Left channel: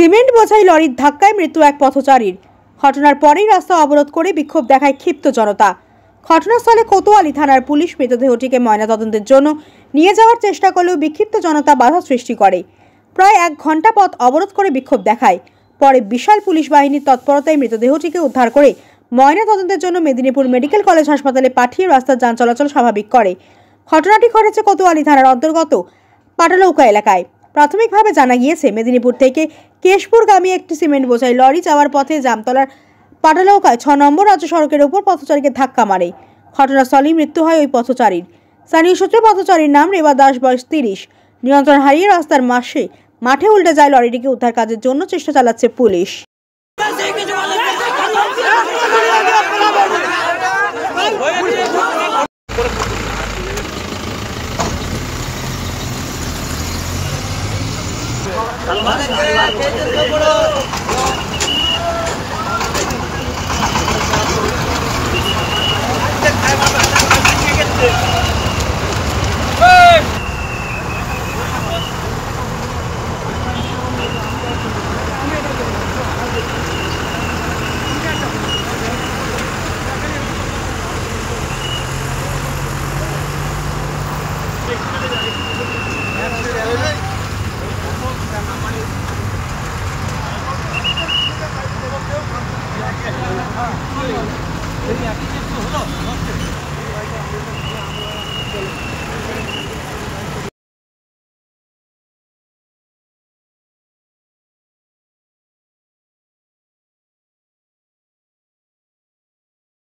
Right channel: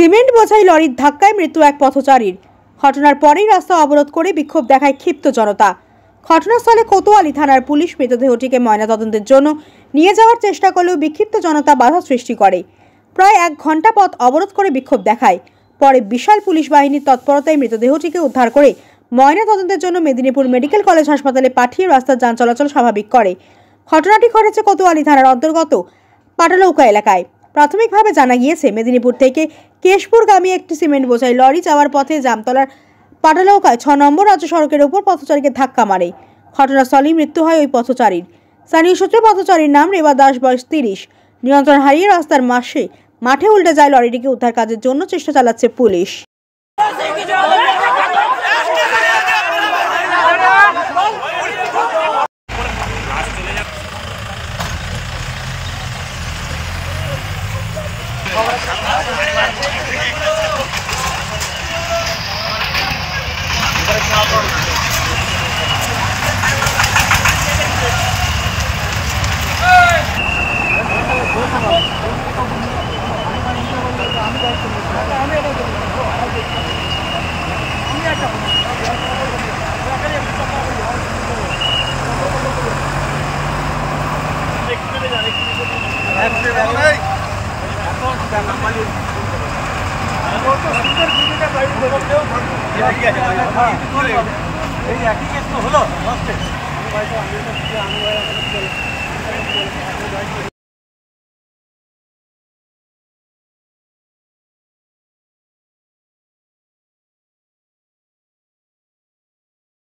Cement বোঝাই লরির ধাক্কায় মৃত্যু এক পথচারীর। ঘটনার পরেই রাস্তা অবরোধ করে বিক্ষোভ দেখায় ক্ষিপ্ত জনতা। ঘটনাস্থলে কোতোয়ালি থানার পুলিশ মৃতদেহটিকে ময়নাতদন্তের জন্য নিয়ে যাওয়ার চেষ্টা করলেও বিক্ষিপ্ত জনতা বাধা সৃষ্টি করে। প্রায় 1 ঘন্টা পথ অবরোধ করে বিক্ষোভ দেখায়। পরে বিশাল পুলিশ বাহিনীর তৎপরতায় মৃতদেহটিকে উদ্ধার করে ময়নাতদন্তের জন্য মেদিনীপুর মেডিকেল কলেজ হাসপাতালে পাঠিয়ে রাস্তার যান চলাচল স্বাভাবিক করে। ঘটনাটি ঘটেছে কোতোয়ালি থানার অন্তর্গত পাটালৌকা এলাকায়। প্রাথমিকভাবে জানা গিয়েছে, মেদিনীপুর থেকে কেশপুরগামী একটি সিমেন্ট বোঝাই লরি যাওয়ার পথে জামতলার পাটালৌকায় 6 নম্বর রাজ্য সড়কের উপর পথচারীকে ধাক্কা মারে। ঘটনাস্থলেই মৃত্যু হয় ওই পথচারীর। স্থানীয় সূত্রে পথচারীর নাম রেবা দাস, বয়স 30। নিয়ন্ত্রণ হারিয়ে রাস্তার মাঠে উল্টে যায় লরিটিকে। উদ্ধার কাজের জন্য চেষ্টা চালাচ্ছে পুলিশ। এই একই ক্ষেত্রে হলো